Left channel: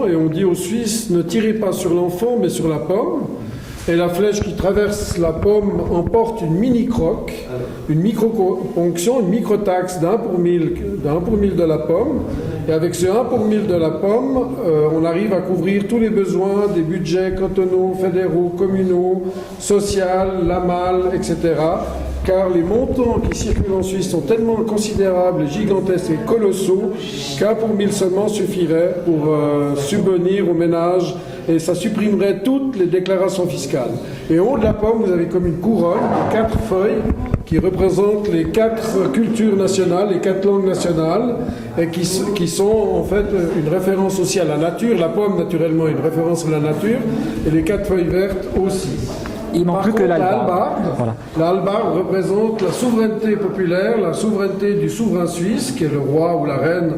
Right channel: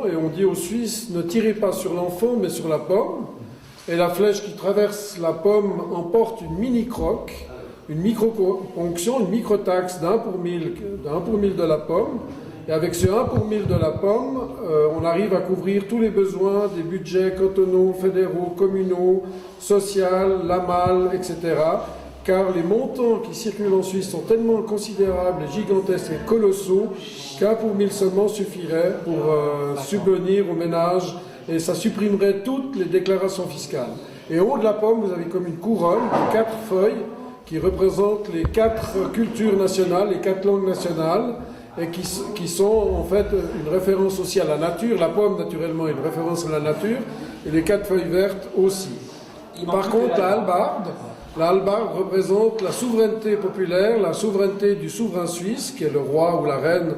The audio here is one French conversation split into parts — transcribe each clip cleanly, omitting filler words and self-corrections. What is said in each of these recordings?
mouvement et on dit aux Suisses ne tirez pas sur l'enfant mais sur la pomme. Et la flèche qui traverse la pomme emporte une mini-croque, une micro-ponction, une micro-taxe d'1 pour 1000 de la pomme. Et avec ce 1 pour 1000 de la pomme, on arrive à couvrir tous les besoins des budgets cantonaux, fédéraux, communaux, sociaux, LAMAL, etc. Car les montants qui circulent en Suisse sont tellement considérables, gigantesques et colossaux qu'un pour 1000 seulement suffirait pour subvenir aux ménages et ça supprimerait toutes les déclarations fiscales. Et au haut de la pomme, vous avez comme une couronne de 4 feuilles qui représentent les 4 cultures nationales, les 4 langues nationales, et qui sont en fait une référence aussi à la nature. La pomme, naturellement, est une référence à la nature, et les 4 feuilles vertes aussi. Par contre, la hallebarde représente la souveraineté populaire, la souveraineté du souverain suisse, qui est le roi ou la reine,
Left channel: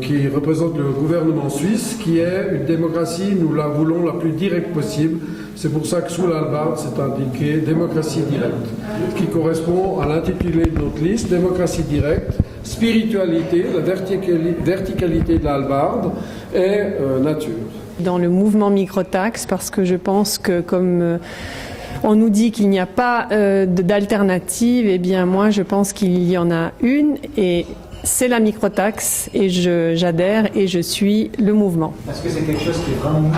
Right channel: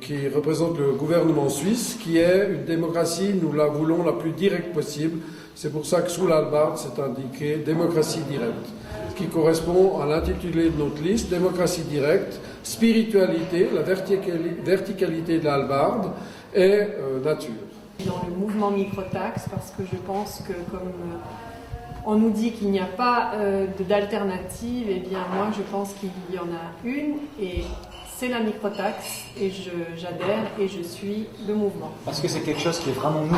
qui représente le gouvernement suisse, qui est une démocratie, nous la voulons la plus directe possible. C'est pour ça que sous la hallebarde, c'est indiqué démocratie directe, ce qui correspond à l'intitulé de notre liste, démocratie directe, spiritualité, la verticalité de la hallebarde et nature. Dans le mouvement microtaxe, parce que je pense que comme on nous dit qu'il n'y a pas d'alternative, eh bien moi je pense qu'il y en a une et c'est la microtaxe et j'adhère et je suis le mouvement. Parce que c'est quelque chose qui est vraiment nouveau.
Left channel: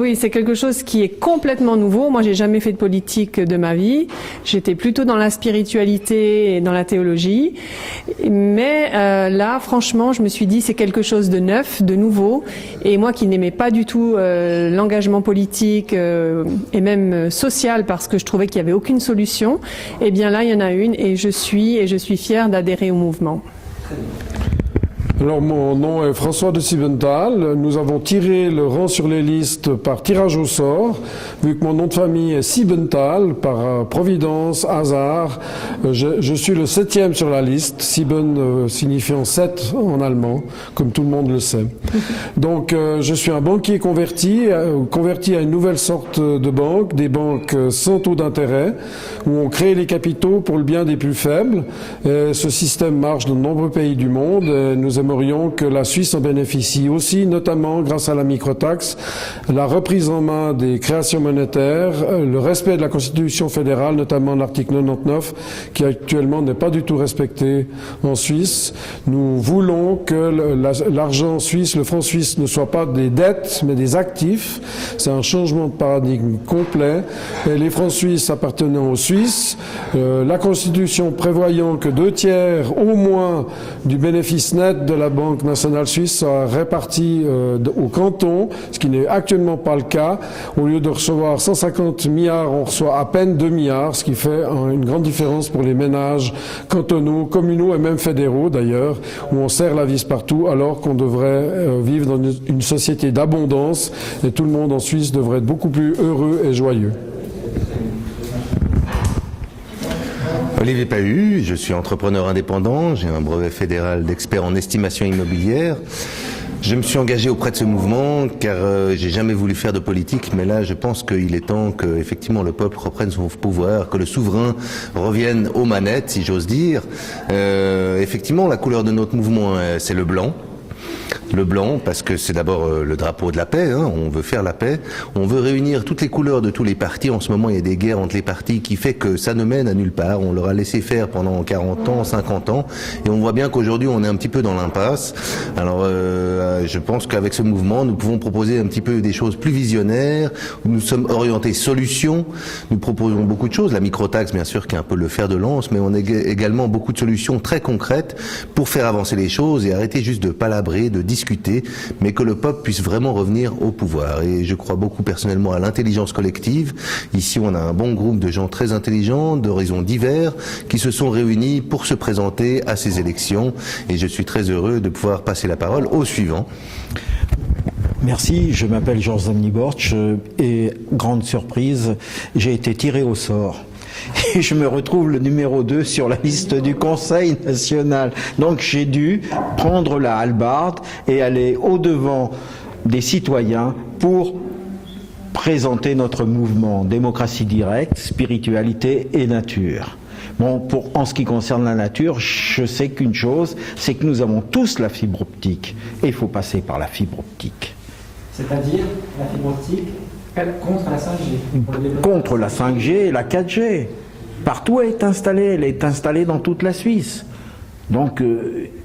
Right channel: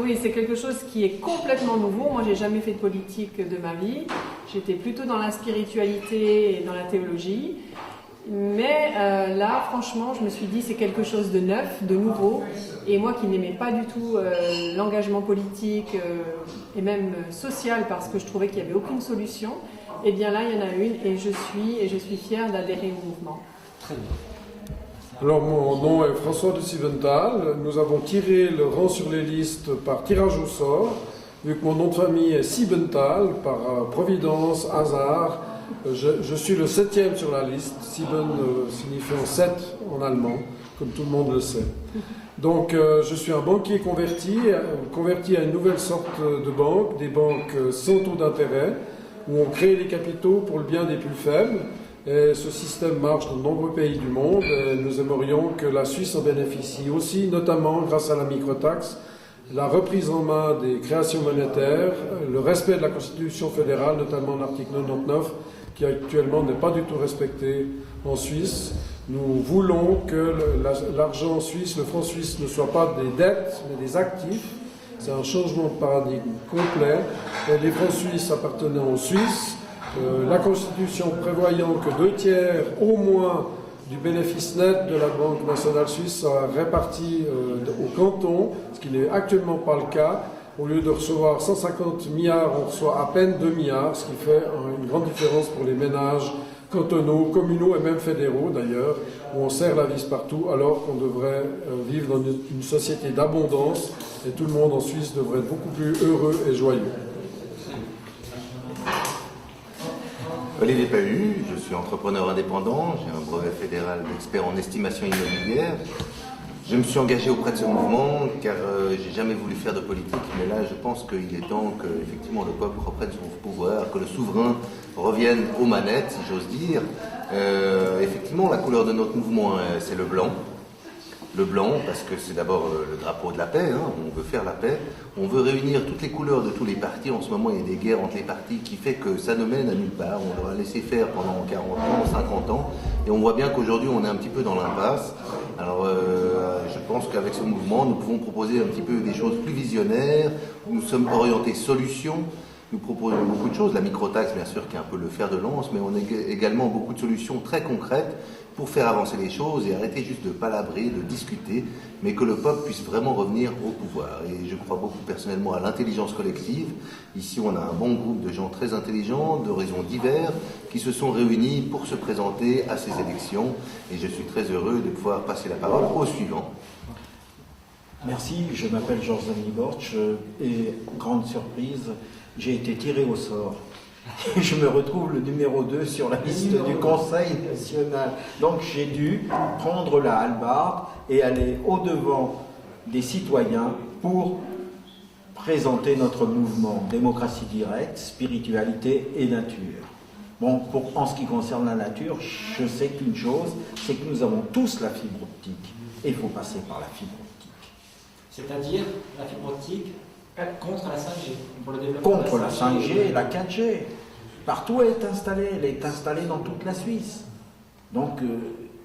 Oui, c'est quelque chose qui est complètement nouveau. Moi, j'ai jamais fait de politique de ma vie. J'étais plutôt dans la spiritualité et dans la théologie. Mais là, franchement, je me suis dit c'est quelque chose de neuf, de nouveau. Et moi qui n'aimais pas du tout l'engagement politique et même social parce que je trouvais qu'il n'y avait aucune solution, eh bien là, il y en a une et je suis fière d'adhérer au mouvement. Très bien. Alors, mon nom est François de Siebenthal. Nous avons tiré le rang sur les listes par tirage au sort. Vu que mon nom de famille est Siebenthal, par providence, hasard, je suis le 7e sur la liste. Sieben signifiant 7 en allemand, comme tout le monde le sait. Donc, je suis un banquier converti à une nouvelle sorte de banque, des banques sans taux d'intérêt, où on crée les capitaux pour le bien des plus faibles. Et ce système marche dans de nombreux pays du monde. Et nous aimerions que la Suisse en bénéficie aussi, notamment grâce à la microtaxe, la reprise en main des créations monétaires, le respect de la Constitution fédérale, notamment l'article 99, qui actuellement n'est pas du tout respecté en Suisse. Nous voulons que l'argent suisse, le franc suisse, ne soit pas des dettes, mais des actifs. C'est un changement de paradigme complet. Et les francs suisses appartenant aux Suisses, la Constitution prévoyant que 2/3 au moins du bénéfice net de la Banque nationale suisse sera réparti au canton, ce qui n'est actuellement pas le cas. Au lieu de recevoir 150 milliards, on reçoit à peine 2 milliards, ce qui fait une grande différence pour les ménages cantonaux, communaux et même fédéraux d'ailleurs, où on serre la vis partout alors qu'on devrait vivre dans une société d'abondance et tout le monde en Suisse devrait être beaucoup plus heureux et joyeux. Olivier Pahu, je suis entrepreneur indépendant, j'ai un brevet fédéral d'expert en estimation immobilière. Je me suis engagé auprès de ce mouvement car j'ai jamais voulu faire de politique, mais là je pense qu'il est temps que effectivement le peuple reprenne son pouvoir, que le souverain revienne aux manettes, si j'ose dire. Effectivement, la couleur de notre mouvement, c'est le blanc. Le blanc, parce que c'est d'abord le drapeau de la paix, hein, on veut faire la paix, on veut réunir toutes les couleurs de tous les partis. En ce moment, il y a des guerres entre les partis qui fait que ça ne mène à nulle part. On leur a laissé faire pendant 40 ans, 50 ans, et on voit bien qu'aujourd'hui, on est un petit peu dans l'impasse. Alors, je pense qu'avec ce mouvement, nous pouvons proposer un petit peu des choses plus visionnaires. Nous sommes orientés solutions. Nous proposons beaucoup de choses. La microtaxe, bien sûr, qui est un peu le fer de lance, mais on a également beaucoup de solutions très concrètes pour faire avancer les choses et arrêter juste de palabrer, de discuter, mais que le peuple puisse vraiment revenir au pouvoir. Et je crois beaucoup personnellement à l'intelligence collective. Ici, on a un bon groupe de gens très intelligents, d'horizons divers, qui se sont réunis pour se présenter à ces élections. Et je suis très heureux de pouvoir passer la parole au suivant. Merci, je m'appelle Georges Zamniborch et grande surprise, j'ai été tiré au sort. Et je me retrouve le numéro 2 sur la liste du Conseil national. Donc j'ai dû prendre la hallebarde et aller au-devant des citoyens pour présenter notre mouvement démocratie directe, spiritualité et nature. Bon, en ce qui concerne la nature, je sais qu'une chose, c'est que nous avons tous la fibre optique. Et il faut passer par la fibre optique. C'est-à-dire la fibre optique contre la 5G. Pour le développement Contre la 5G et la 4G. Partout elle est installée. Elle est installée dans toute la Suisse. Donc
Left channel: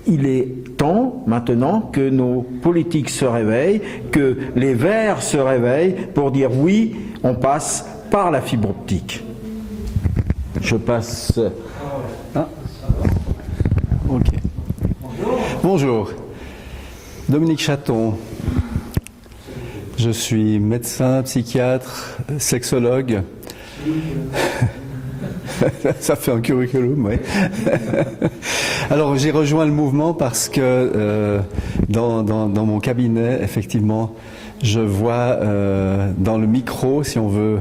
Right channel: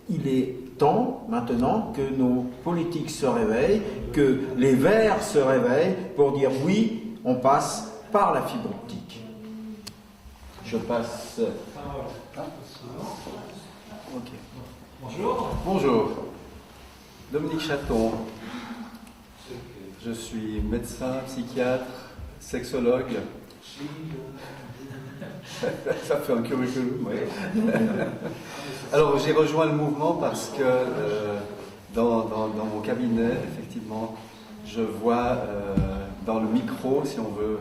il est temps maintenant que nos politiques se réveillent, que les Verts se réveillent pour dire oui, on passe par la fibre optique. Je passe. Ah. Ok. Bonjour. Dominique Chaton. Je suis médecin, psychiatre, sexologue. Ça fait un curriculum, oui. Alors j'ai rejoint le mouvement parce que dans mon cabinet, effectivement, je vois dans le micro, si on veut,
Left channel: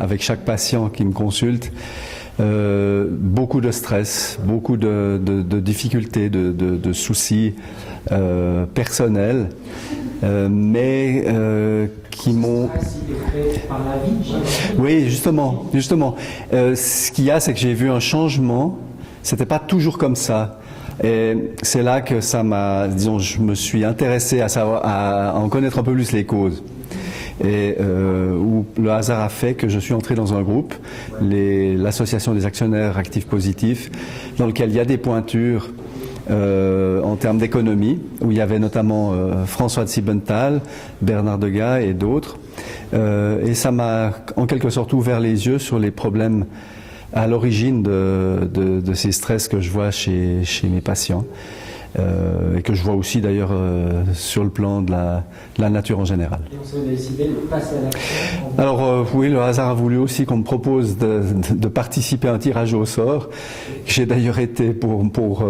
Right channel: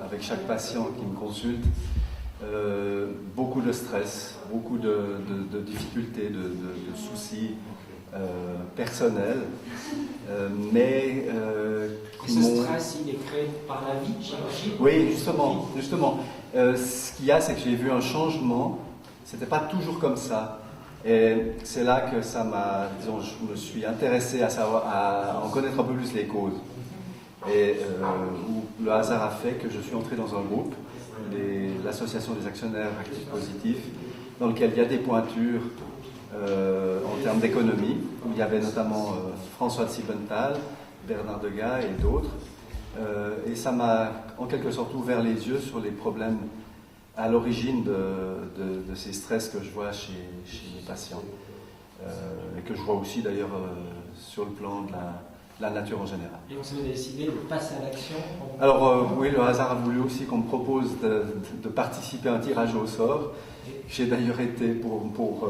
avec chaque patient qui me consulte, beaucoup de stress, beaucoup de difficultés, de soucis personnels, mais qui m'ont... il est fait par la vie, Oui, justement. Ce qu'il y a, c'est que j'ai vu un changement. C'était pas toujours comme ça. Et c'est là que ça m'a, disons, je me suis intéressé à en connaître un peu plus les causes. Et où le hasard a fait que je suis entré dans un groupe, l'association des actionnaires actifs positifs, dans lequel il y a des pointures en termes d'économie, où il y avait notamment François de Siebenthal, Bernard Degas et d'autres. Et ça m'a en quelque sorte ouvert les yeux sur les problèmes à l'origine de ces stress que je vois chez mes patients. Et que je vois aussi d'ailleurs sur le plan de la nature en général. Et on s'est décidé de passer à l'action. Alors oui, le hasard a voulu aussi qu'on me propose de participer à un tirage au sort. J'ai d'ailleurs été, pour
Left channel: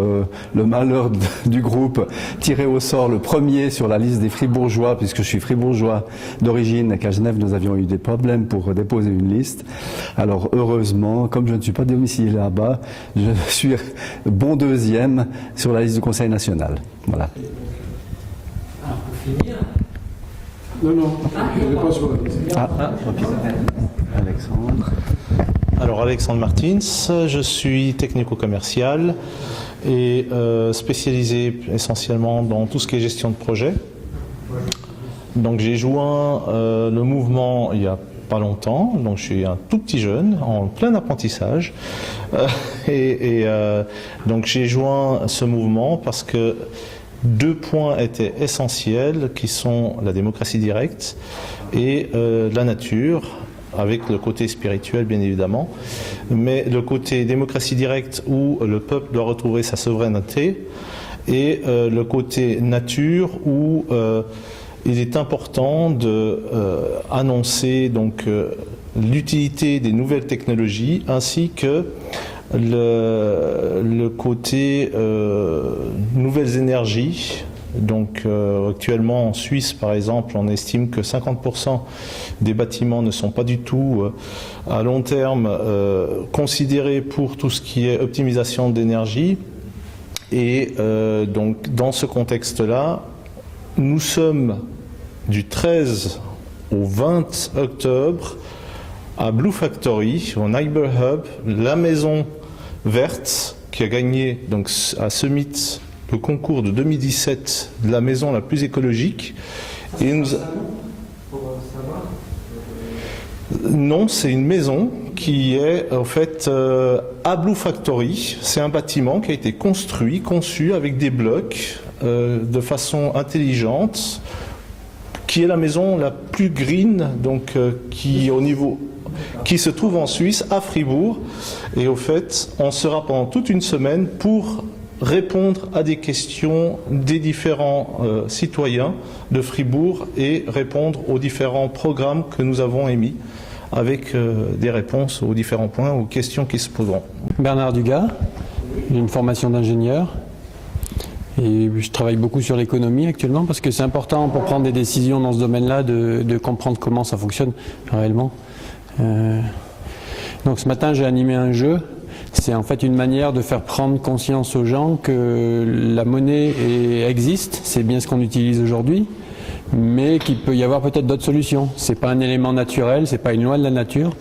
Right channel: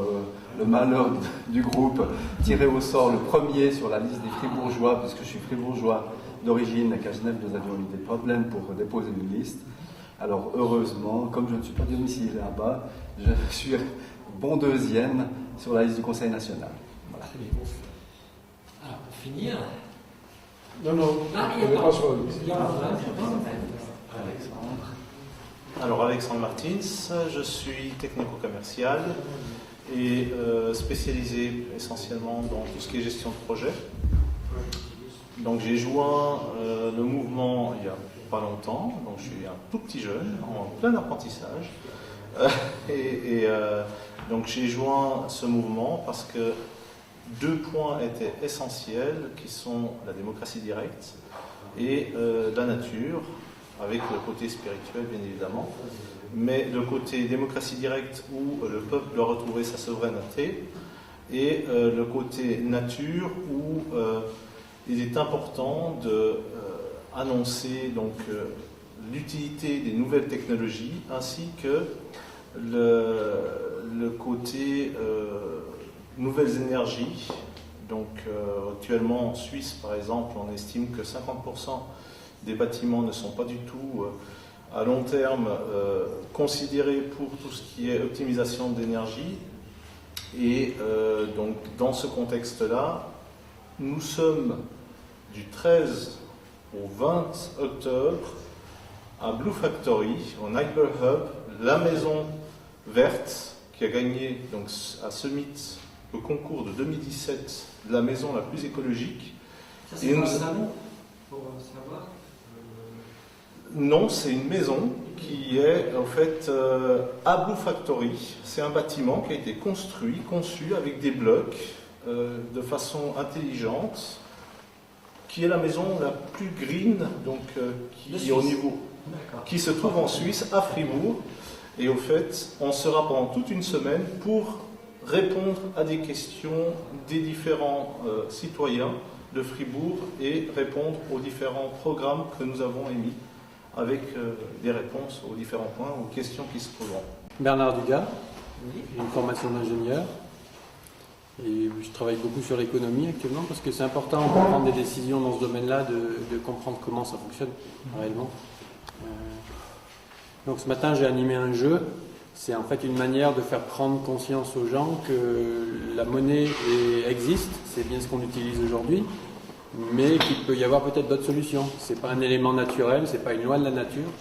le malheur du groupe, tiré au sort le premier sur la liste des Fribourgeois, puisque je suis Fribourgeois d'origine et qu'à Genève nous avions eu des problèmes pour déposer une liste. Alors heureusement, comme je ne suis pas domicilié là-bas, je suis bon deuxième sur la liste du Conseil national. Voilà. Alors, pour finir... Non, il n'est pas sur la liste. Alexandre. Alors Alexandre Martins, je suis technico-commercial et spécialisé essentiellement dans tout ce qui est gestion de projet. Donc j'ai joint le mouvement il y a pas longtemps, donc je suis un tout petit jeune en plein apprentissage donc j'ai joint ce mouvement parce que deux points étaient essentiels qui sont la démocratie directe et la nature, avec le côté spirituel bien évidemment, mais le côté démocratie directe où le peuple doit retrouver sa souveraineté et le côté nature où il est important d'annoncer donc l'utilité des nouvelles technologies ainsi que le côté nouvelles énergies. Donc actuellement en Suisse par exemple on estime que 50% des bâtiments ne sont pas du tout à long terme considérés pour tout ce qui est optimisation d'énergie et donc dans ce contexte là nous sommes du 13 au 20 octobre à Blue Factory, au Neighbor Hub, la maison verte qui a gagné donc à Summit le concours de 2017 de la maison la plus écologique. Ça, et nous... pour savoir. Non, c'est une maison qui est en fait à Blue Factory. C'est un bâtiment qui a été conçu avec des blocs de façon intelligente, qui est la maison la plus green, donc qui se trouve en Suisse, à Fribourg. Et au fait, on sera pendant toute une semaine pour répondre à des questions des différents citoyens de Fribourg et répondre aux différents programmes que nous avons émis avec des réponses aux différents points, aux questions qui se poseront. Bernard Dugas, j'ai une formation d'ingénieur et je travaille beaucoup sur l'économie actuellement parce que c'est important pour prendre des décisions dans ce domaine-là de comprendre comment ça fonctionne réellement. Donc ce matin j'ai animé un jeu. C'est en fait une manière de faire prendre conscience aux gens que la monnaie existe, c'est bien ce qu'on utilise aujourd'hui, mais qu'il peut y avoir peut-être d'autres solutions. C'est pas un élément naturel, c'est pas une loi de la nature,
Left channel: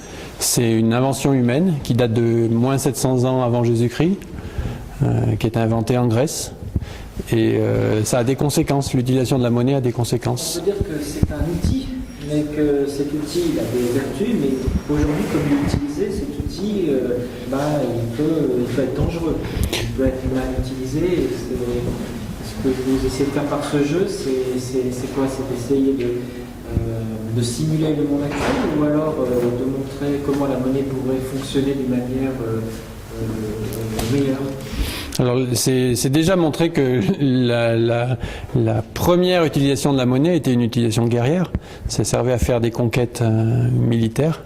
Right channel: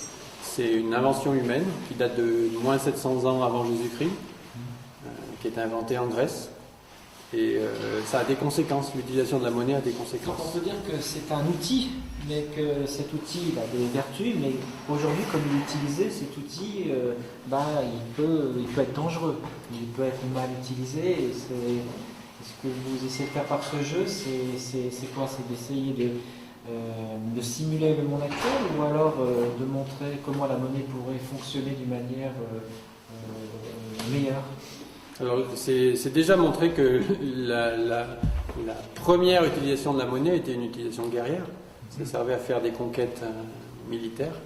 C'est une invention humaine qui date de moins 700 ans avant Jésus-Christ, qui est inventée en Grèce. Et ça a des conséquences, l'utilisation de la monnaie a des conséquences. On peut dire que c'est un outil, mais que cet outil il a des vertus, mais aujourd'hui, comme il est utilisé, cet outil, il peut être dangereux, il peut être mal utilisé. Et ce que vous essayez de faire par ce jeu, c'est quoi? C'est d'essayer de simuler le monde actuel, ou alors de montrer comment la monnaie pourrait fonctionner d'une manière meilleure? Alors, c'est déjà montré que la première utilisation de la monnaie était une utilisation guerrière. Ça servait à faire des conquêtes militaires.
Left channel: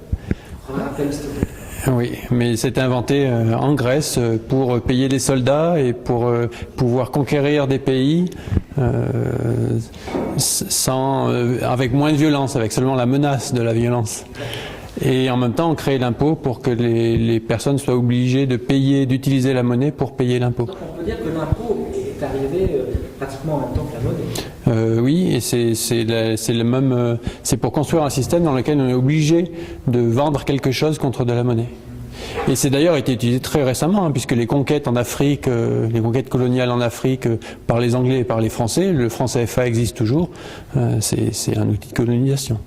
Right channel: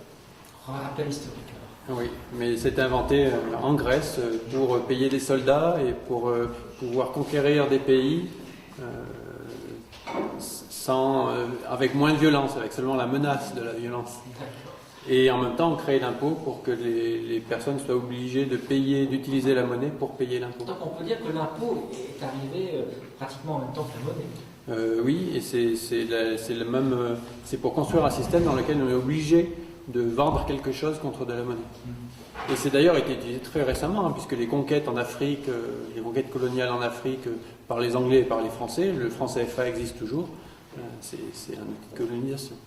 Oui, mais c'était inventé en Grèce pour payer des soldats et pour pouvoir conquérir des pays avec moins de violence, avec seulement la menace de la violence. Et en même temps, on crée l'impôt pour que les personnes soient obligées de payer, d'utiliser la monnaie pour payer l'impôt. Donc on peut dire que l'impôt est arrivé pratiquement en même temps que la monnaie. Oui, et c'est pour construire un système dans lequel on est obligé de vendre quelque chose contre de la monnaie. Et c'est d'ailleurs été utilisé très récemment, puisque les conquêtes en Afrique, les conquêtes coloniales en Afrique par les Anglais et par les Français, le franc CFA existe toujours, c'est un outil de colonisation.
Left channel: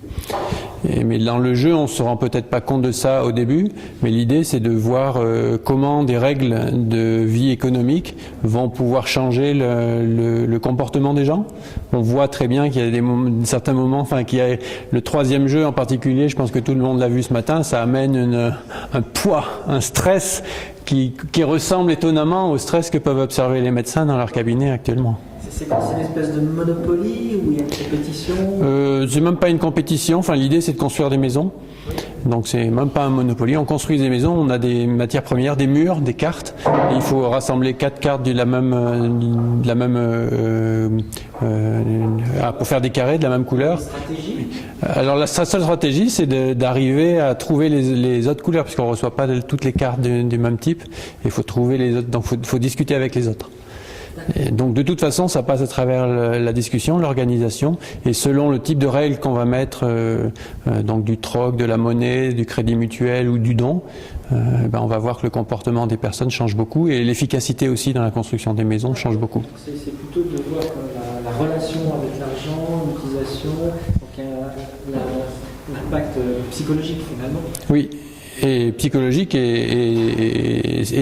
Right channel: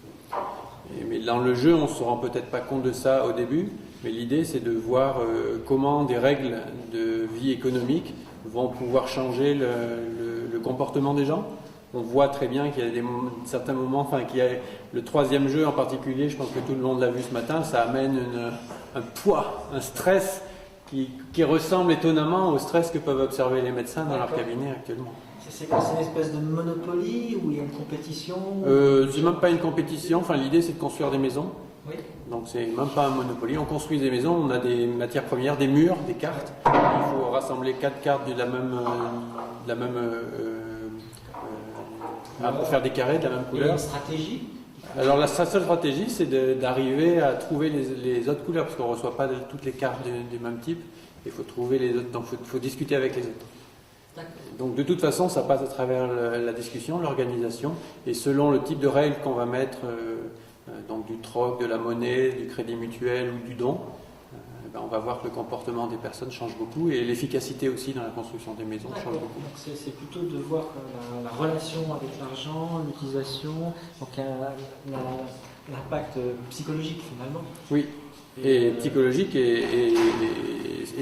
Mais dans le jeu, on ne se rend peut-être pas compte de ça au début, mais l'idée c'est de voir comment des règles de vie économique vont pouvoir changer le comportement des gens. On voit très bien qu'il y a certains moments, qu'il y a le troisième jeu en particulier, je pense que tout le monde l'a vu ce matin, ça amène un poids, un stress qui ressemble étonnamment au stress que peuvent observer les médecins dans leur cabinet actuellement. C'est quoi, c'est une espèce de Monopoly où il y a une compétition? C'est même pas une compétition, l'idée c'est de construire des maisons. Donc c'est même pas un Monopoly, on construit des maisons, on a des matières premières, des murs, des cartes. Et il faut rassembler 4 cartes pour faire des carrés de la même couleur. Stratégie? Alors la seule stratégie c'est d'arriver à trouver les autres couleurs, puisqu'on ne reçoit pas toutes les cartes du même type. Il faut trouver les autres, donc il faut discuter avec les autres. Et donc de toute façon, ça passe à travers la discussion, l'organisation, et selon le type de règles qu'on va mettre, donc du troc, de la monnaie, du crédit mutuel ou du don, on va voir que le comportement des personnes change beaucoup et l'efficacité aussi dans la construction des maisons change beaucoup. C'est plutôt de voir la relation avec l'argent, l'utilisation, donc l'impact psychologique finalement. Oui. Et psychologique et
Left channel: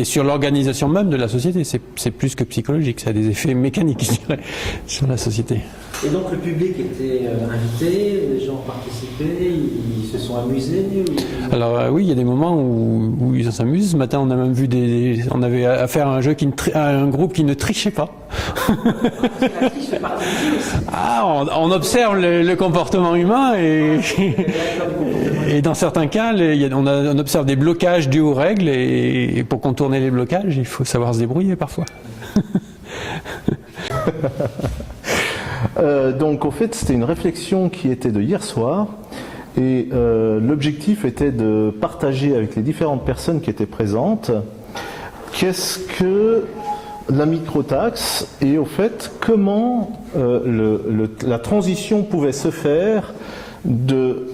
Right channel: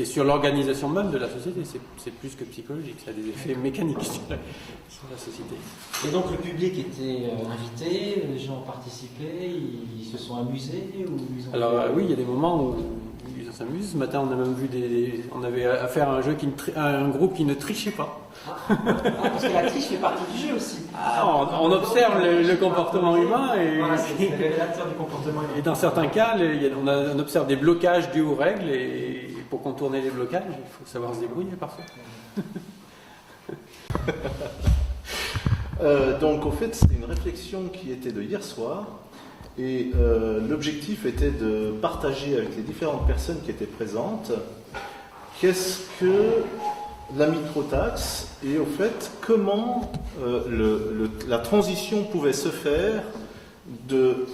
sur l'organisation même de la société. C'est plus que psychologique, ça a des effets mécaniques, je dirais, sur la société. Et donc le public était invité, les gens ont participé, ils se sont amusés Alors oui, il y a des moments où ils s'amusent. Ce matin, on a même vu on avait affaire à un groupe qui ne trichait pas. Parce que la triche fait partie du jeu aussi. On observe le comportement humain et dans certains cas, on observe des blocages dus aux règles et pour contourner les blocages, il faut savoir se débrouiller parfois. Donc, au fait, c'était une réflexion qui était de hier soir. Et l'objectif était de partager avec les différentes personnes qui étaient présentes qu'est-ce que la microtaxe et au fait comment la transition pouvait se faire de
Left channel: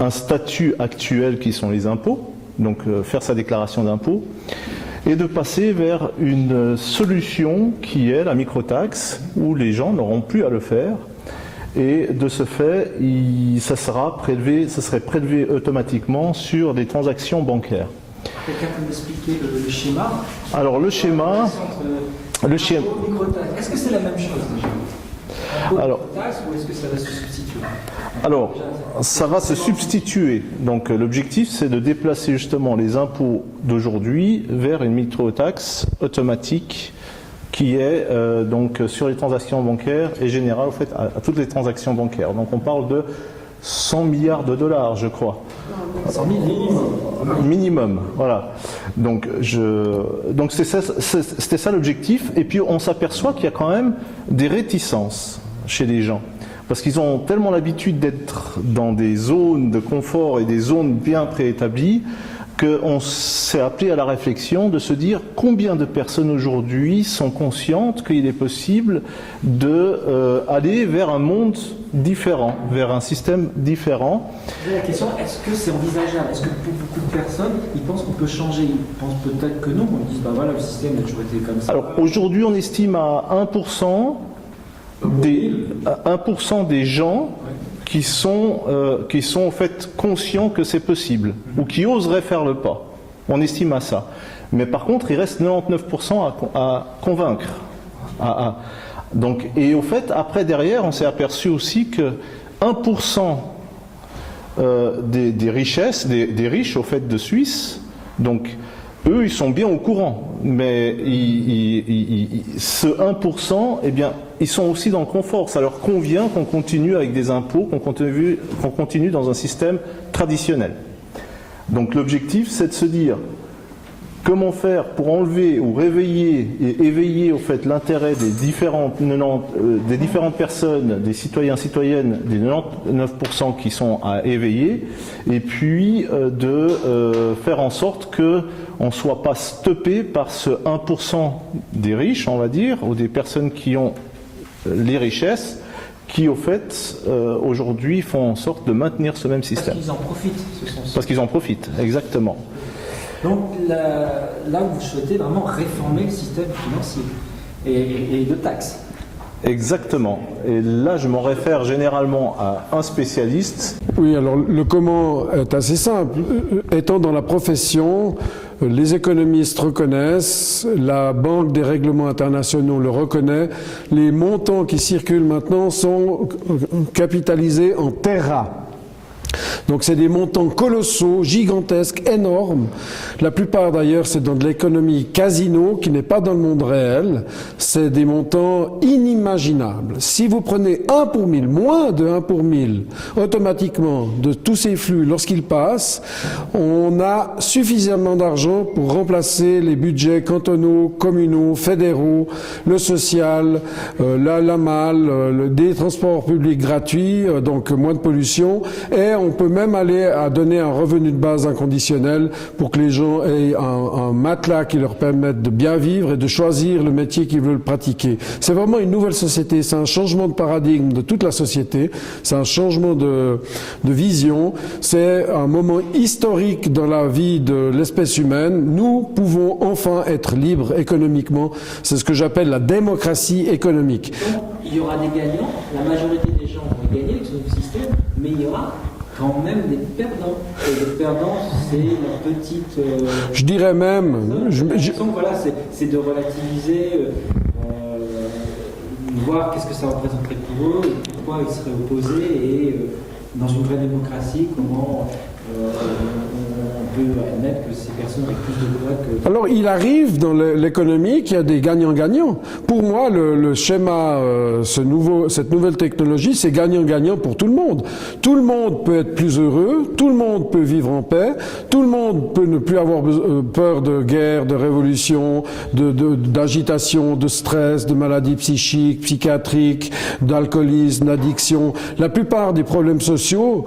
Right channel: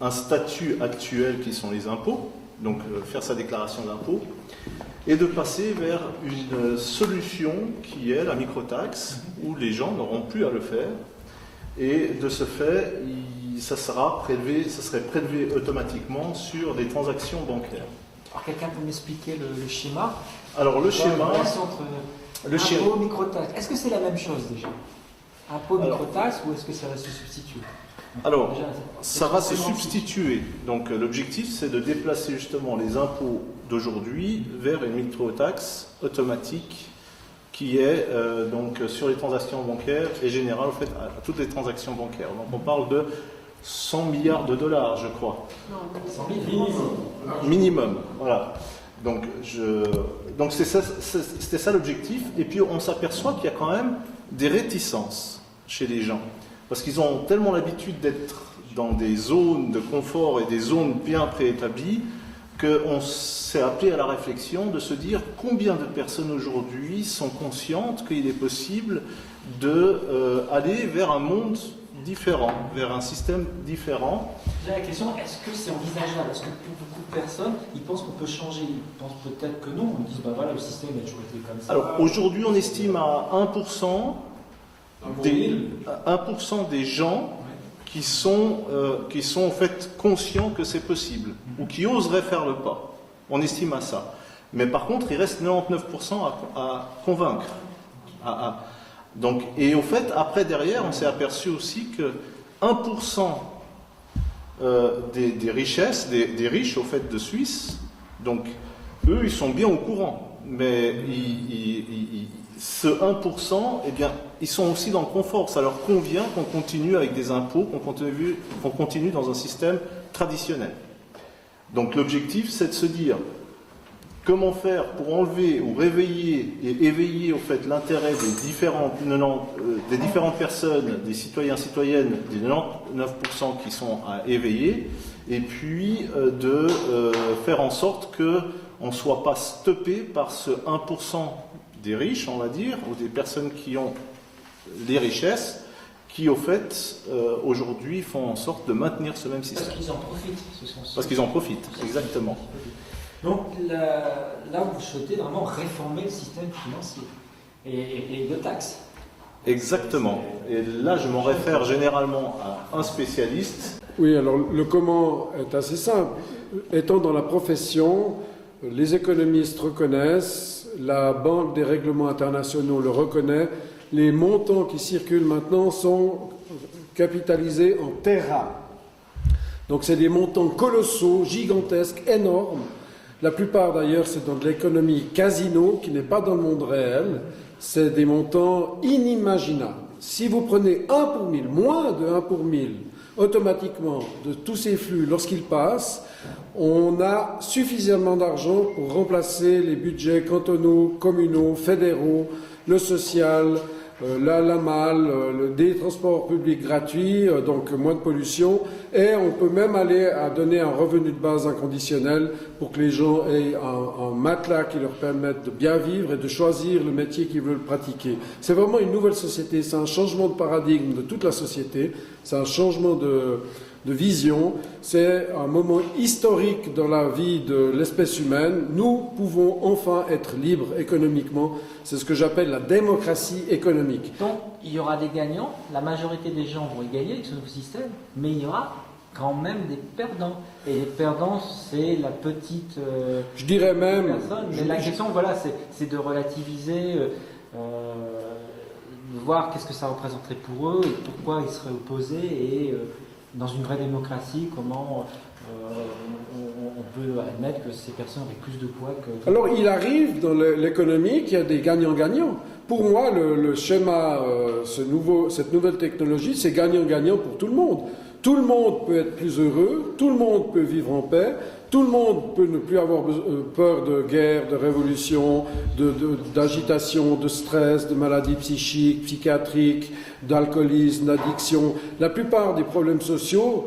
un statut actuel qui sont les impôts, donc faire sa déclaration d'impôt, et de passer vers une solution qui est la microtaxe, où les gens n'auront plus à le faire, et de ce fait, ça serait prélevé automatiquement sur les transactions bancaires. Quelqu'un peut m'expliquer le schéma? Alors le schéma... Le schéma. Microtaxe. Est-ce que c'est la même chose déjà? Microtaxe ou est-ce que ça va se substituer? Alors, ça va se substituer. Donc l'objectif, c'est de déplacer justement les impôts d'aujourd'hui vers une microtaxe automatique qui est donc sur les transactions bancaires et générale en fait à toutes les transactions bancaires. Donc on parle de 100 milliards de dollars, je crois. 100 000 minimum, voilà. Donc c'était ça l'objectif. Et puis on s'aperçoit qu'il y a quand même des réticences chez les gens. Parce qu'ils ont tellement l'habitude d'être dans des zones de confort et des zones bien préétablies qu'on s'est appelé à la réflexion de se dire combien de personnes aujourd'hui sont conscientes qu'il est possible d'aller vers un monde différent, vers un système différent. La question, est-ce que c'est envisageable? Est-ce que pour beaucoup de personnes, ils pensent qu'on peut changer? Ils pensent peut-être que non, qu'on dise, bah voilà, le système a toujours été comme ça. Alors aujourd'hui, on estime à 1% des gens qui sont en fait conscients que c'est possible, ou qui oseraient faire le pas. On estime à ça. Mais par contre, il reste 99% à convaincre. Donc, et au fait, après, derrière, on s'est aperçu aussi que 1% des richesses, des riches, au fait, de Suisse, donc, eux, ils sont bien au courant, mais ce 1%, eh bien, ils sont aussi dans le confort. Ça leur convient qu'on continue avec des impôts, qu'on continue dans un système traditionnel. Donc l'objectif, c'est de se dire comment faire pour enlever ou réveiller et éveiller au fait l'intérêt des différentes personnes, des citoyens, citoyennes, des 99% qui sont à éveiller, et puis de faire en sorte que on ne soit pas stoppé par ce 1% des riches, on va dire, ou des personnes qui ont les richesses, qui au fait aujourd'hui font en sorte de maintenir ce même système. Parce qu'ils en profitent, Parce qu'ils en profitent, exactement. Donc là où vous souhaitez vraiment réformer le système financier et de taxes. Exactement. Et là, je m'en réfère généralement à un spécialiste. Oui, alors le comment est assez simple. Étant dans la profession, les économistes reconnaissent, la Banque des règlements internationaux le reconnaît, les montants qui circulent maintenant sont capitalisés en terras. Donc c'est des montants colossaux, gigantesques, énormes. La plupart d'ailleurs c'est dans de l'économie casino qui n'est pas dans le monde réel. C'est des montants inimaginables. Si vous prenez 1 pour 1000, moins de 1 pour 1000, automatiquement de tous ces flux lorsqu'ils passent, on a suffisamment d'argent pour remplacer les budgets cantonaux, communaux, fédéraux, le social, la malle, des transports publics gratuits, donc moins de pollution, et on peut même aller à donner un revenu de base inconditionnel pour que les gens aient un matelas qui leur permette de bien vivre et de choisir le métier qu'ils veulent pratiquer. C'est vraiment une nouvelle société, c'est un changement de paradigme de toute la société, c'est un changement de vision, c'est un moment historique dans la vie de l'espèce humaine. Nous pouvons enfin être libres économiquement, c'est ce que j'appelle la démocratie économique. Donc il y aura des gagnants, la majorité des gens vont gagner avec ce nouveau système, mais il y aura quand même des perdants. Et les perdants, c'est la petite... je dirais même... La question, voilà, c'est de relativiser, voir qu'est-ce que ça représenterait pour eux, et pourquoi ils seraient opposés, et dans une vraie démocratie, comment on peut admettre que ces personnes aient plus de droits que... Alors, il arrive dans l'économie qu'il y a des gagnants-gagnants. Pour moi, le schéma, cette nouvelle technologie, c'est gagnant-gagnant pour tout le monde. Tout le monde peut être plus heureux, tout le monde peut vivre en paix, tout le monde peut ne plus avoir peur de guerre, de révolution, d'agitation, de stress, de maladies psychiques, psychiatriques, d'alcoolisme, d'addiction. La plupart des problèmes sociétaux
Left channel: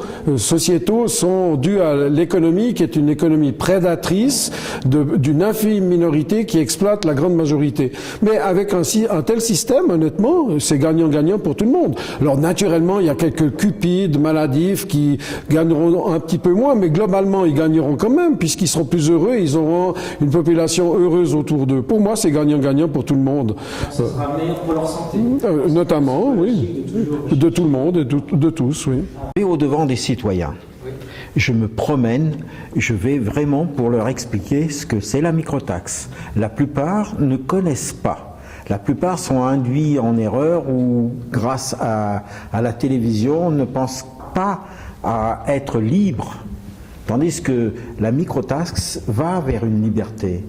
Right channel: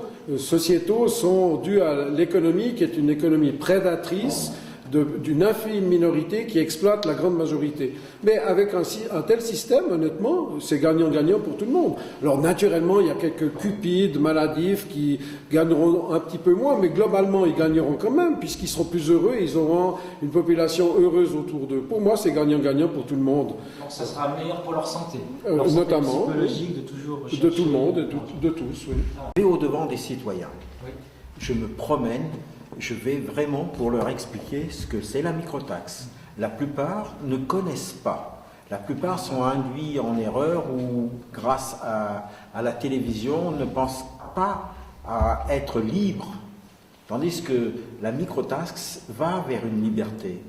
sont dus à l'économie, qui est une économie prédatrice d'une infime minorité qui exploite la grande majorité. Mais avec un tel système, honnêtement, c'est gagnant-gagnant pour tout le monde. Alors naturellement, il y a quelques cupides, maladifs qui gagneront un petit peu moins, mais globalement, ils gagneront quand même, puisqu'ils seront plus heureux, ils auront une population heureuse autour d'eux. Pour moi, c'est gagnant-gagnant pour tout le monde. Ça sera meilleur pour leur santé. Notamment, oui. De tout le monde et de tous, oui. Et au-devant des citoyens. Je me promène, je vais vraiment pour leur expliquer ce que c'est la microtaxe. La plupart ne connaissent pas. La plupart sont induits en erreur ou, grâce à la télévision, ne pensent pas à être libres. Tandis que la microtaxe va vers une liberté.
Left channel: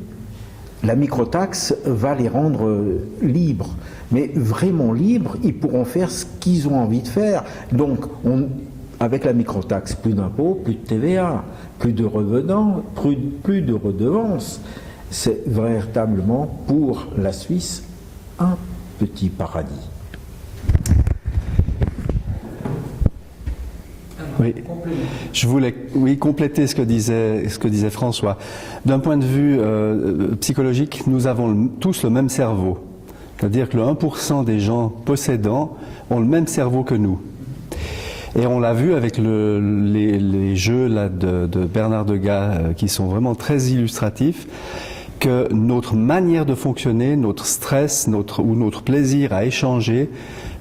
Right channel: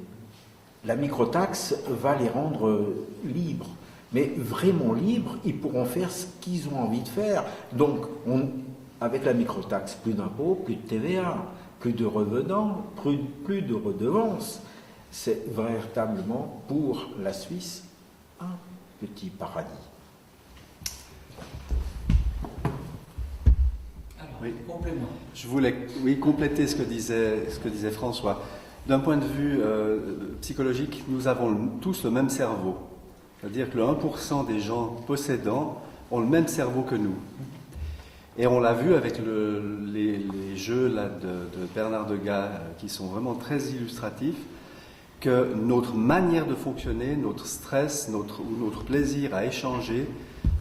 La microtaxe va les rendre libres. Mais vraiment libres, ils pourront faire ce qu'ils ont envie de faire. Donc, avec la microtaxe, plus d'impôts, plus de TVA, plus de revenants, plus de redevances. C'est véritablement pour la Suisse un petit paradis. Alors, Oui. Je voulais compléter ce que disait François. D'un point de vue psychologique, nous avons tous le même cerveau. C'est-à-dire que le 1% des gens possédants ont le même cerveau que nous. Et on l'a vu avec les jeux là, de Bernard Degas qui sont vraiment très illustratifs, que notre manière de fonctionner, notre stress ou notre plaisir à échanger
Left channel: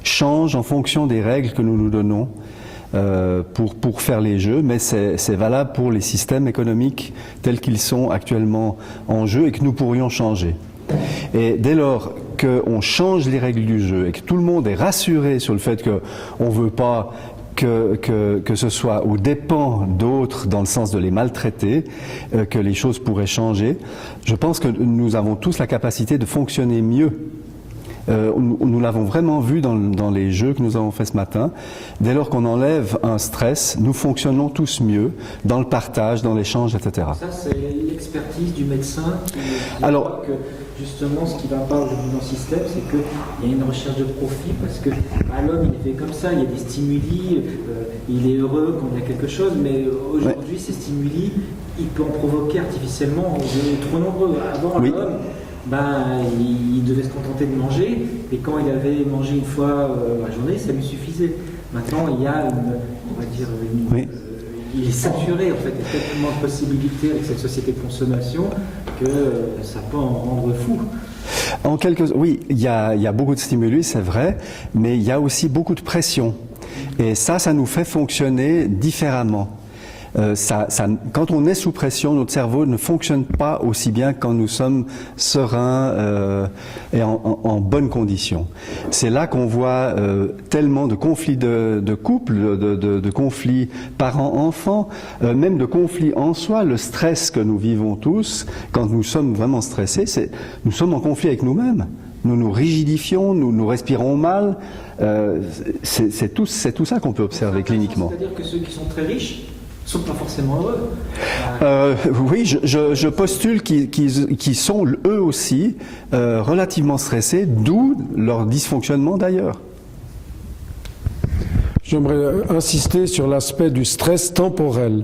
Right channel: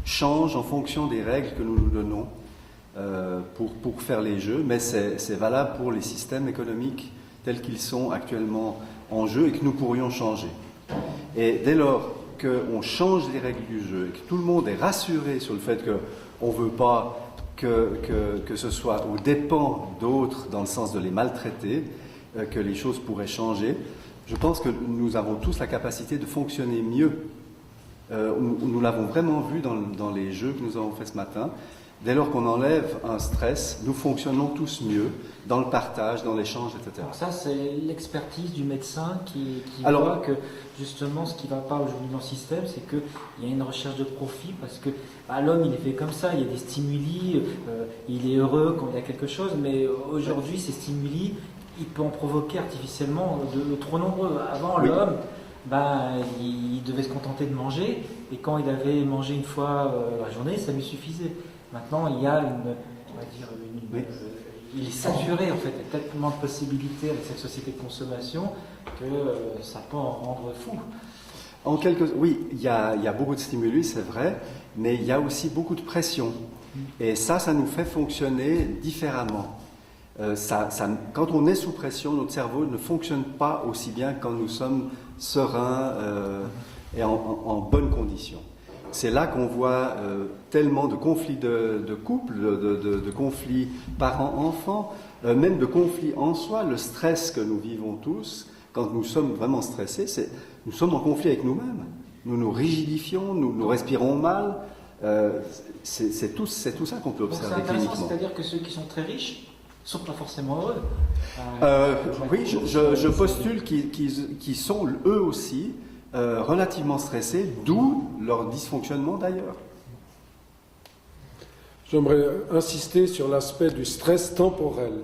change en fonction des règles que nous nous donnons pour faire les jeux, mais c'est valable pour les systèmes économiques tels qu'ils sont actuellement en jeu et que nous pourrions changer. Et dès lors qu'on change les règles du jeu et que tout le monde est rassuré sur le fait qu'on ne veut pas que ce soit aux dépens d'autres dans le sens de les maltraiter, que les choses pourraient changer, je pense que nous avons tous la capacité de fonctionner mieux. Nous l'avons vraiment vu dans les jeux que nous avons fait ce matin. Dès lors qu'on enlève un stress, nous fonctionnons tous mieux dans le partage, dans l'échange, etc. Ça, c'est l'expertise du médecin qui voit que justement ce qui ne va pas aujourd'hui dans le système, c'est qu'il y a une recherche de profit parce que l'homme il est fait comme ça, il y a des stimuli, il est heureux quand il y a quelque chose, mais aujourd'hui ces stimuli, il peut en provoquer artificiellement trop nombreux. Avant l'homme, il devait se contenter de manger, et quand il avait mangé une fois la journée, ça lui suffisait. Maintenant, il y a il est saturé en fait, il y a tellement de possibilités avec cette société de consommation que ça peut en rendre fou. Oui, il y a beaucoup de stimuli, c'est vrai, mais il y a aussi beaucoup de pression. Et ça nous fait fonctionner différemment. Quand on est sous pression, notre cerveau ne fonctionne pas aussi bien quand nous sommes sereins et en bonnes conditions. C'est là qu'on voit tellement de conflits de couple, de conflits parents-enfants, même de conflits en soi. Le stress que nous vivons tous, quand nous sommes vraiment stressés, nous sommes en conflit avec nous-mêmes. Nous nous rigidifions, nous respirons mal. C'est tout ça qu'on peut observer cliniquement. C'est-à-dire que ceux qui sont très riches ne sont pas forcément heureux. Oui, je postule qu'ils sont eux aussi relativement stressés, d'où leur dysfonctionnement d'ailleurs. J'aimerais insister sur l'aspect du stress temporel.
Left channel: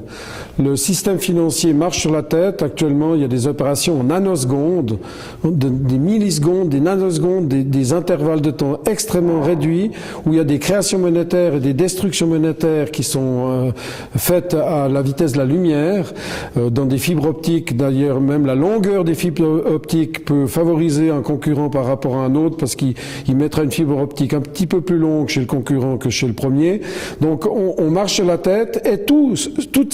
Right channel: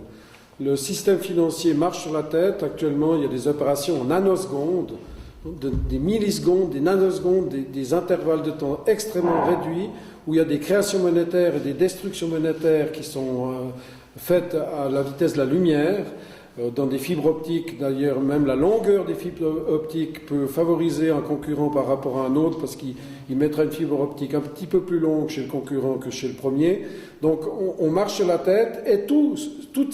Le système financier marche sur la tête. Actuellement, il y a des opérations en nanosecondes, des millisecondes, des nanosecondes, des intervalles de temps extrêmement réduits, où il y a des créations monétaires et des destructions monétaires qui sont faites à la vitesse de la lumière, dans des fibres optiques. D'ailleurs, même la longueur des fibres optiques peut favoriser un concurrent par rapport à un autre, parce qu'il mettra une fibre optique un petit peu plus longue chez le concurrent que chez le premier. Donc, on marche sur la tête, et toute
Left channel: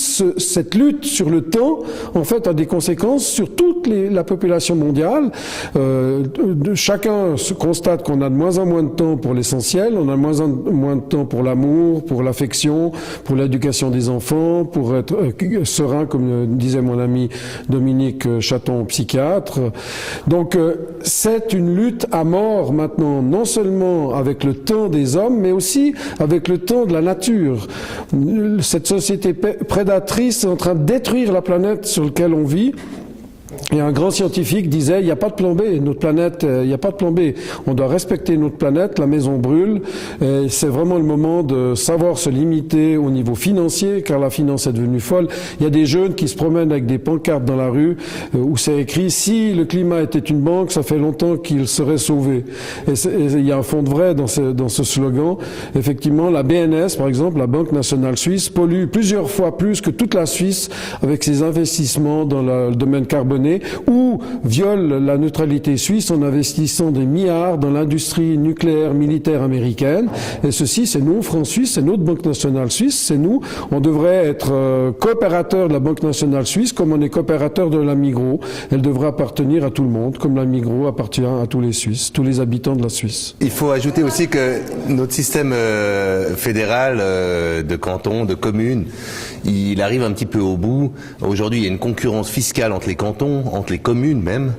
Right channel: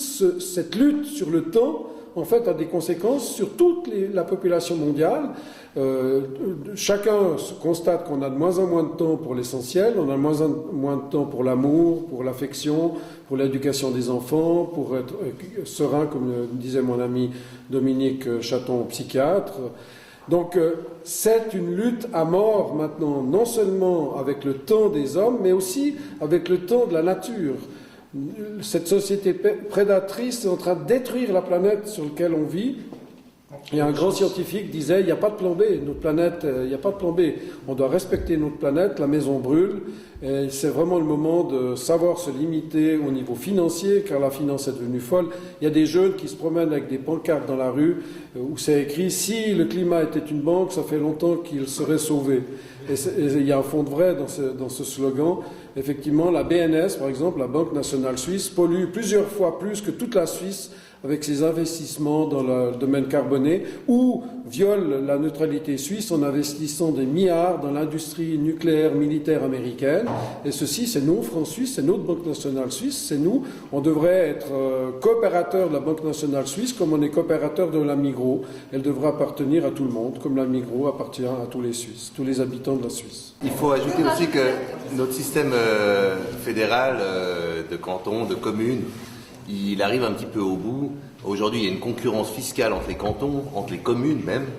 cette lutte sur le temps, en fait, a des conséquences sur toute la population mondiale. Chacun se constate qu'on a de moins en moins de temps pour l'essentiel, on a de moins en moins de temps pour l'amour, pour l'affection, pour l'éducation des enfants, pour être serein, comme disait mon ami Dominique Chaton, psychiatre. Donc, c'est une lutte à mort maintenant, non seulement avec le temps des hommes, mais aussi avec le temps de la nature. Cette société prédatrice est en train de détruire la planète sur laquelle on vit. Et un grand scientifique disait, il n'y a pas de plan B, notre planète, il n'y a pas de plan B. On doit respecter notre planète, la maison brûle. C'est vraiment le moment de savoir se limiter au niveau financier, car la finance est devenue folle. Il y a des jeunes qui se promènent avec des pancartes dans la rue où c'est écrit, si le climat était une banque, ça fait longtemps qu'il serait sauvé. Et il y a un fond de vrai dans ce slogan. Effectivement, la BNS, par exemple, la Banque nationale suisse, pollue plusieurs fois plus que toute la Suisse avec ses investissements dans le domaine carboné, ou viole la neutralité suisse en investissant des milliards dans l'industrie nucléaire militaire américaine. Et ceci, c'est nous, France Suisse, c'est notre Banque nationale suisse, c'est nous. On devrait être coopérateur de la Banque nationale suisse comme on est coopérateur de la Migros. Elle devrait appartenir à tout le monde, comme la Migros appartient à tous les Suisses, tous les habitants de la Suisse. Il faut ajouter aussi que notre système fédéral de cantons, de communes, il arrive un petit peu au bout. Aujourd'hui, il y a une concurrence fiscale entre les cantons, entre les communes même.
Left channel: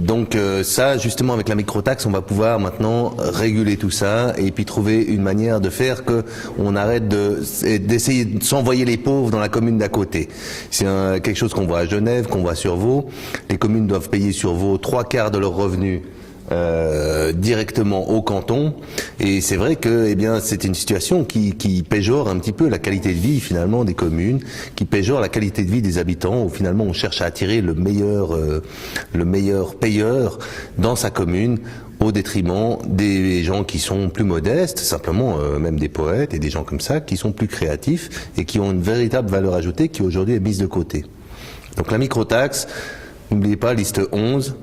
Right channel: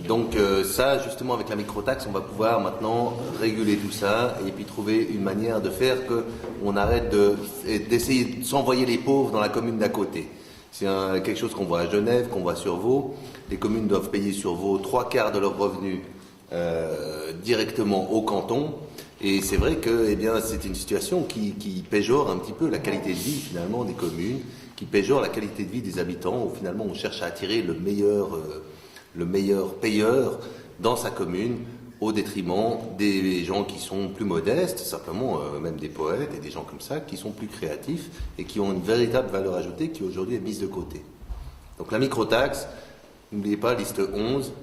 Donc ça, justement, avec la microtaxe, on va pouvoir maintenant réguler tout ça et puis trouver une manière de faire que on arrête d'essayer de s'envoyer les pauvres dans la commune d'à côté. C'est quelque chose qu'on voit à Genève, qu'on voit sur Vaud. Les communes doivent payer sur Vaud 3/4 de leurs revenus directement au canton, et c'est vrai que c'est une situation qui péjore un petit peu la qualité de vie finalement des communes, qui péjore la qualité de vie des habitants, où finalement on cherche à attirer le meilleur payeur dans sa commune, au détriment des gens qui sont plus modestes, simplement même des poètes et des gens comme ça, qui sont plus créatifs et qui ont une véritable valeur ajoutée qui aujourd'hui est mise de côté. Donc la microtaxe, n'oubliez pas, liste 11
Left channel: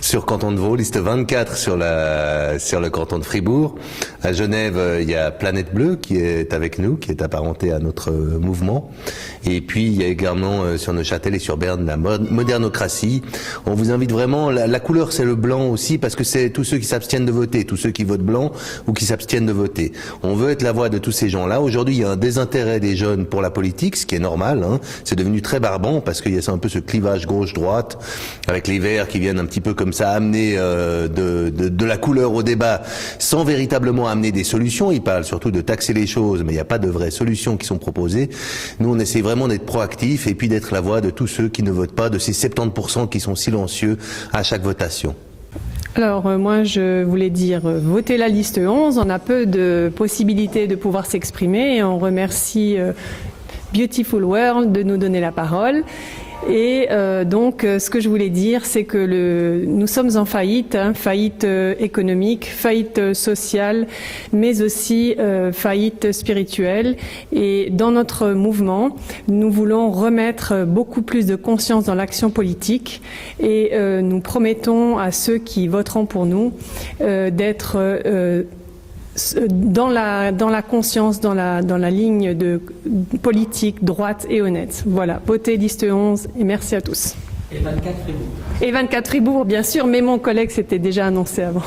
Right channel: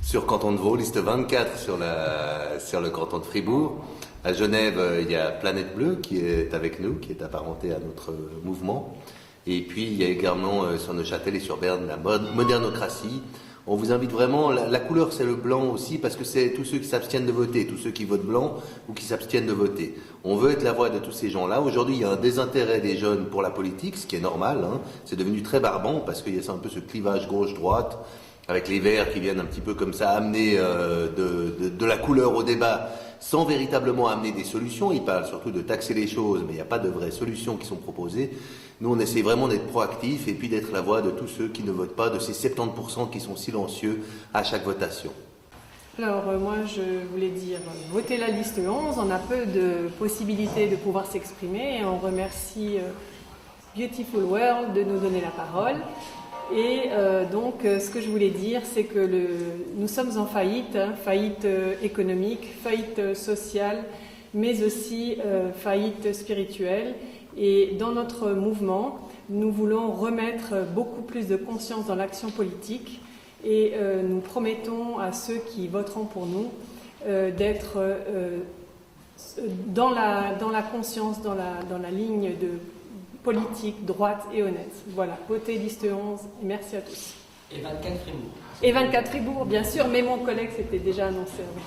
sur Canton de Vaud, liste 24 sur le canton de Fribourg. À Genève, il y a Planète Bleue qui est avec nous, qui est apparentée à notre mouvement. Et puis il y a également sur Neuchâtel et sur Berne la modernocratie. On vous invite vraiment, la couleur c'est le blanc aussi, parce que c'est tous ceux qui s'abstiennent de voter, tous ceux qui votent blanc ou qui s'abstiennent de voter. On veut être la voix de tous ces gens-là. Aujourd'hui, il y a un désintérêt des jeunes pour la politique, ce qui est normal, hein. C'est devenu très barbant parce qu'il y a un peu ce clivage gauche-droite, avec les Verts qui viennent un petit peu comme ça amener de la couleur au débat, sans véritablement amener des solutions. Ils parlent surtout de taxer les choses, mais il n'y a pas de vraies solutions qui sont proposées. Nous, on essaie vraiment d'être proactifs et puis d'être la voix de tous ceux qui ne votent pas, de ces 70% qui sont silencieux à chaque votation. Alors moi je voulais dire, votez la liste 11, on a peu de possibilités de pouvoir s'exprimer et on remercie Beautiful World de nous donner la parole. Et donc, ce que je voulais dire, c'est que nous sommes en faillite, faillite économique, faillite sociale, mais aussi faillite spirituelle. Et dans notre mouvement, nous voulons remettre beaucoup plus de conscience dans l'action politique. Et nous promettons à ceux qui voteront pour nous d'être dans la conscience, dans la ligne de politique droite et honnête. Voilà, votez liste 11 et merci à tous. Et 24 Fribourg. Et 24 Fribourg, bien sûr, mais mon collègue s'était déjà annoncé avant.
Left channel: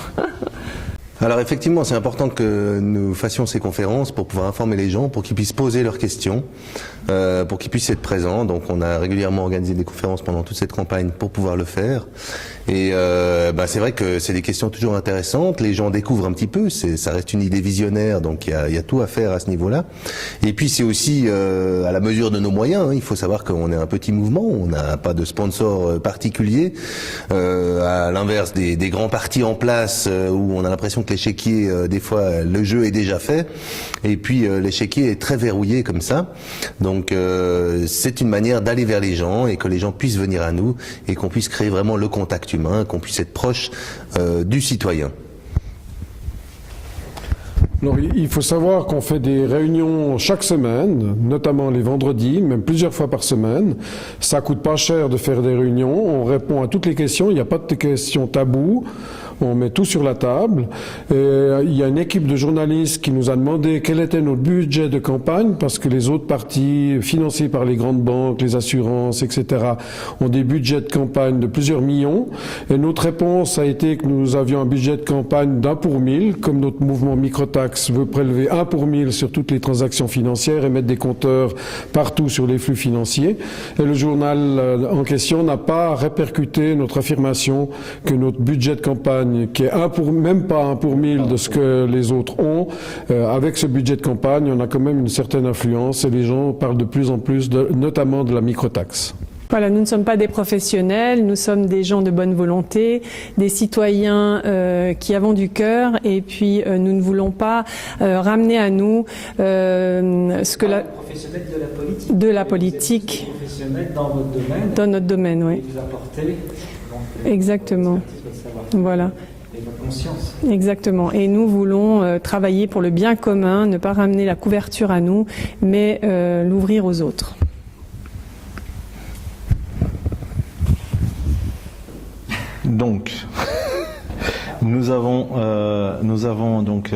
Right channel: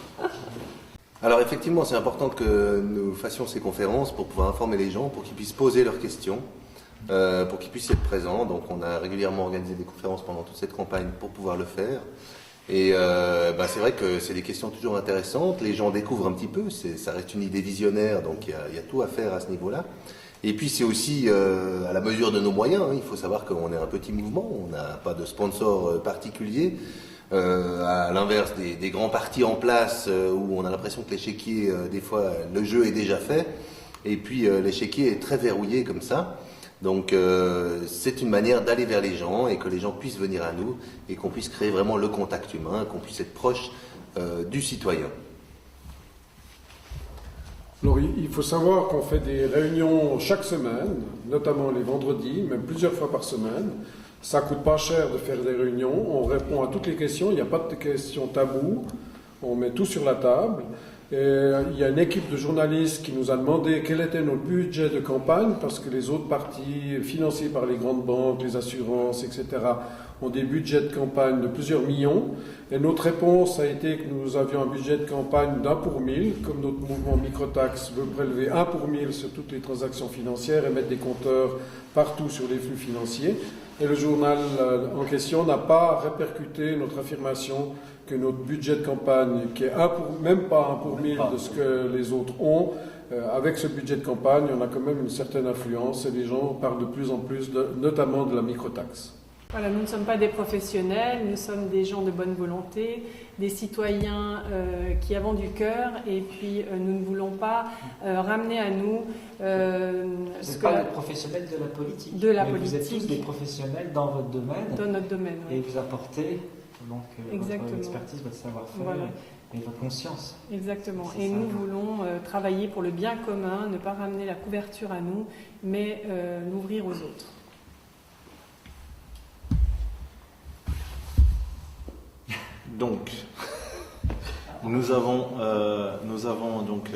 Alors effectivement, c'est important que nous fassions ces conférences pour pouvoir informer les gens, pour qu'ils puissent poser leurs questions, pour qu'ils puissent être présents. Donc on a régulièrement organisé des conférences pendant toute cette campagne pour pouvoir le faire. Et c'est vrai que c'est des questions toujours intéressantes, les gens découvrent un petit peu, ça reste une idée visionnaire, donc il y a tout à faire à ce niveau-là. Et puis c'est aussi à la mesure de nos moyens, hein. Il faut savoir qu'on est un petit mouvement, on n'a pas de sponsor particulier, à l'inverse des grands partis en place où on a l'impression que l'échiquier, des fois le jeu est déjà fait, et puis l'échiquier est très verrouillé comme ça. Donc c'est une manière d'aller vers les gens et que les gens puissent venir à nous et qu'on puisse créer vraiment le contact humain, qu'on puisse être proche du citoyen. Alors, il faut savoir qu'on fait des réunions chaque semaine, notamment les vendredis, même plusieurs fois par semaine. Ça coûte pas cher de faire des réunions, on répond à toutes les questions, il n'y a pas de questions taboues. On met tout sur la table. Et il y a une équipe de journalistes qui nous a demandé quel était notre budget de campagne, parce que les autres partis financés par les grandes banques, les assurances, etc., ont des budgets de campagne de plusieurs millions. Et notre réponse a été que nous avions un budget de campagne d'1 pour 1000, comme notre mouvement Microtax veut prélever 1 pour 1000 sur toutes les transactions financières et mettre des compteurs partout sur les flux financiers. Et le journal en question n'a pas répercuté notre affirmation que notre budget de campagne, qui est même pas 1 pour 1000 de ce que les autres ont, avec ce budget de campagne, on a quand même une certaine influence et les gens parlent de plus en plus, notamment de la microtaxe. Voilà, nous ne sommes pas des professionnels, nous sommes des gens de bonne volonté, des citoyens qui avons du cœur, et puis nous ne voulons pas ramener à nous ce que la professionnels de la politique. De la mais politique. Vous êtes tous des professionnels dans votre domaine. Dans notre domaine, oui. Et vous apportez donc, exactement. votre expertise, votre savoir-faire Voilà. et votre conscience. Exactement. Et nous voulons travailler pour le bien commun, ne pas ramener la couverture à nous, mais l'ouvrir aux autres. Donc, nous avons donc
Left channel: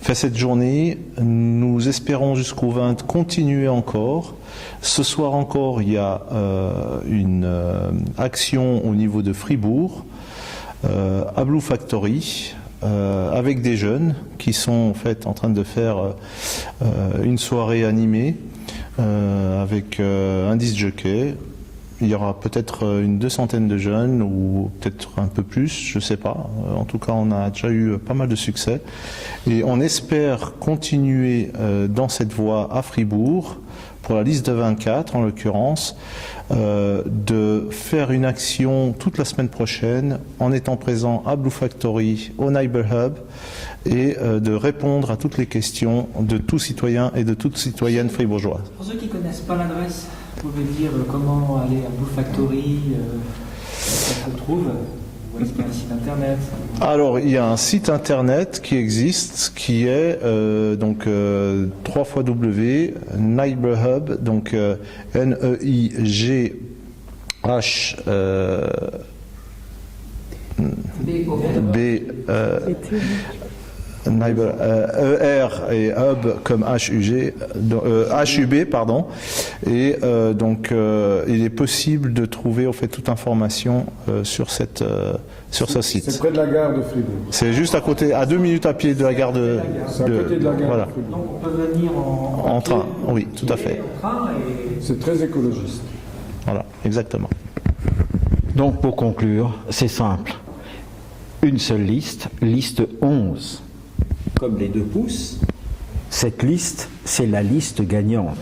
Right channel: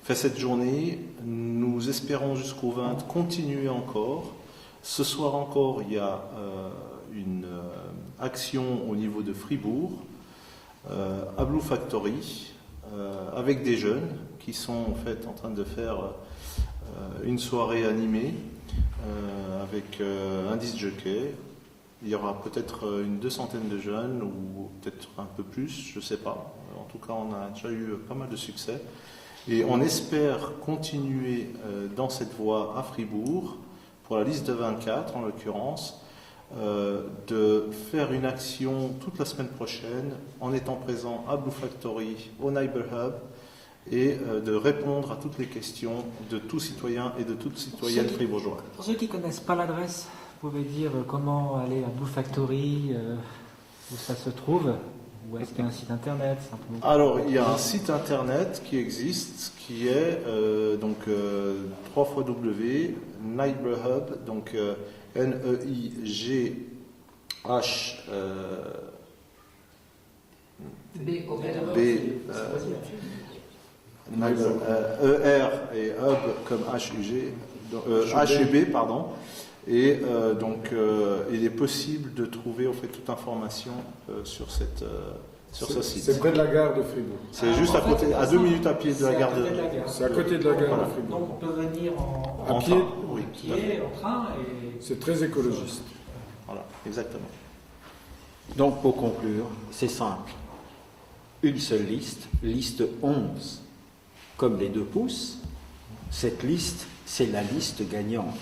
fait cette journée. Nous espérons jusqu'au 20 continuer encore. Ce soir encore, il y a une action au niveau de Fribourg, à Blue Factory, avec des jeunes qui sont en fait en train de faire une soirée animée avec un disc jockey. Il y aura peut-être une 200aine de jeunes ou peut-être un peu plus, je ne sais pas. En tout cas, on a déjà eu pas mal de succès. Et on espère continuer dans cette voie à Fribourg, pour la liste de 24 en l'occurrence, de faire une action toute la semaine prochaine en étant présent à Blue Factory, au Neighbor Hub, et de répondre à toutes les questions de tout citoyen et de toute citoyenne fribourgeoise. Pour ceux qui ne connaissent pas l'adresse, vous pouvez dire comment aller à Blue Factory, ça se trouve, ou est-ce qu'il y a un site internet? Alors, il y a un site internet qui existe, qui est www.neighborhub, donc N-E-I-G-H Neighbor, ER et Hub comme HUG, HUB, pardon. Et donc, il est possible de trouver en fait toute information sur ce site. C'est près de la gare de Fribourg. C'est juste à côté, à 2 minutes à pied de la gare de. C'est à côté de la gare voilà. de Fribourg. Donc on peut venir En train, oui, tout à fait. en train et... C'est très écologiste. Voilà, exactement. Donc pour conclure, c'est simple. Une seule liste, liste 11. Comme les 2 pouces, cette liste, c'est la liste gagnante.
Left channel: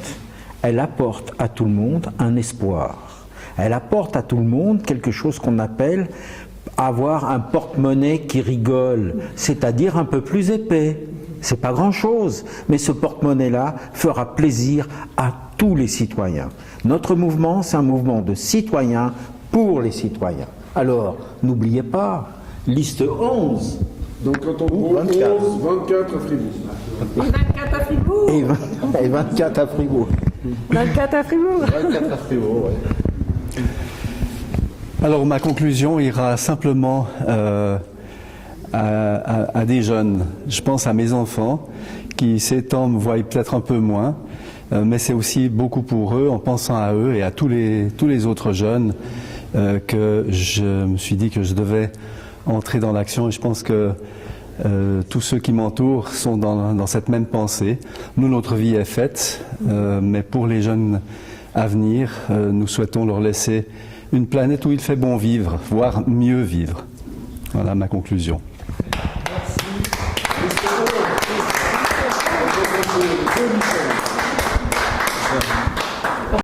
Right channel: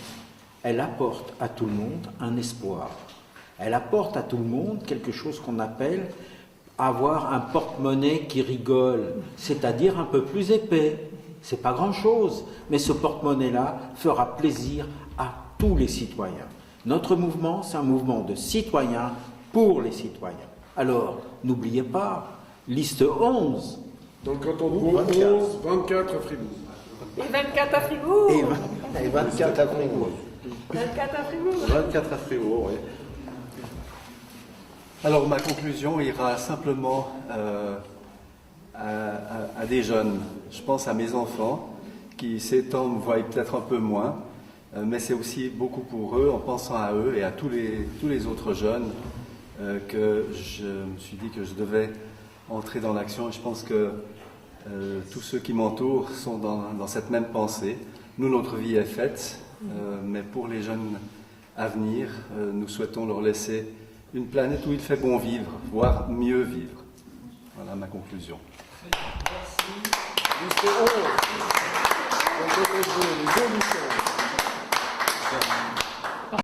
Elle apporte à tout le monde un espoir. Elle apporte à tout le monde quelque chose qu'on appelle avoir un porte-monnaie qui rigole, c'est-à-dire un peu plus épais. C'est pas grand-chose, mais ce porte-monnaie-là fera plaisir à tous les citoyens. Notre mouvement, c'est un mouvement de citoyens pour les citoyens. Alors, n'oubliez pas, liste 11. Donc quand on trouve 11, 24 à Fribourg. 24 à Fribourg. Et 24 à Fribourg. 24 à Fribourg. 24 à Fribourg, ouais. Alors ma conclusion ira simplement à des jeunes. Je pense à mes enfants qui ces temps me voient peut-être un peu moins, mais c'est aussi beaucoup pour eux, en pensant à eux et à tous les autres jeunes, que je me suis dit que je devais entrer dans l'action. Et je pense que tous ceux qui m'entourent sont dans cette même pensée. Nous, notre vie est faite, mais pour les jeunes à venir, nous souhaitons leur laisser une planète où il fait bon vivre, voire mieux vivre. Voilà ma conclusion. Merci.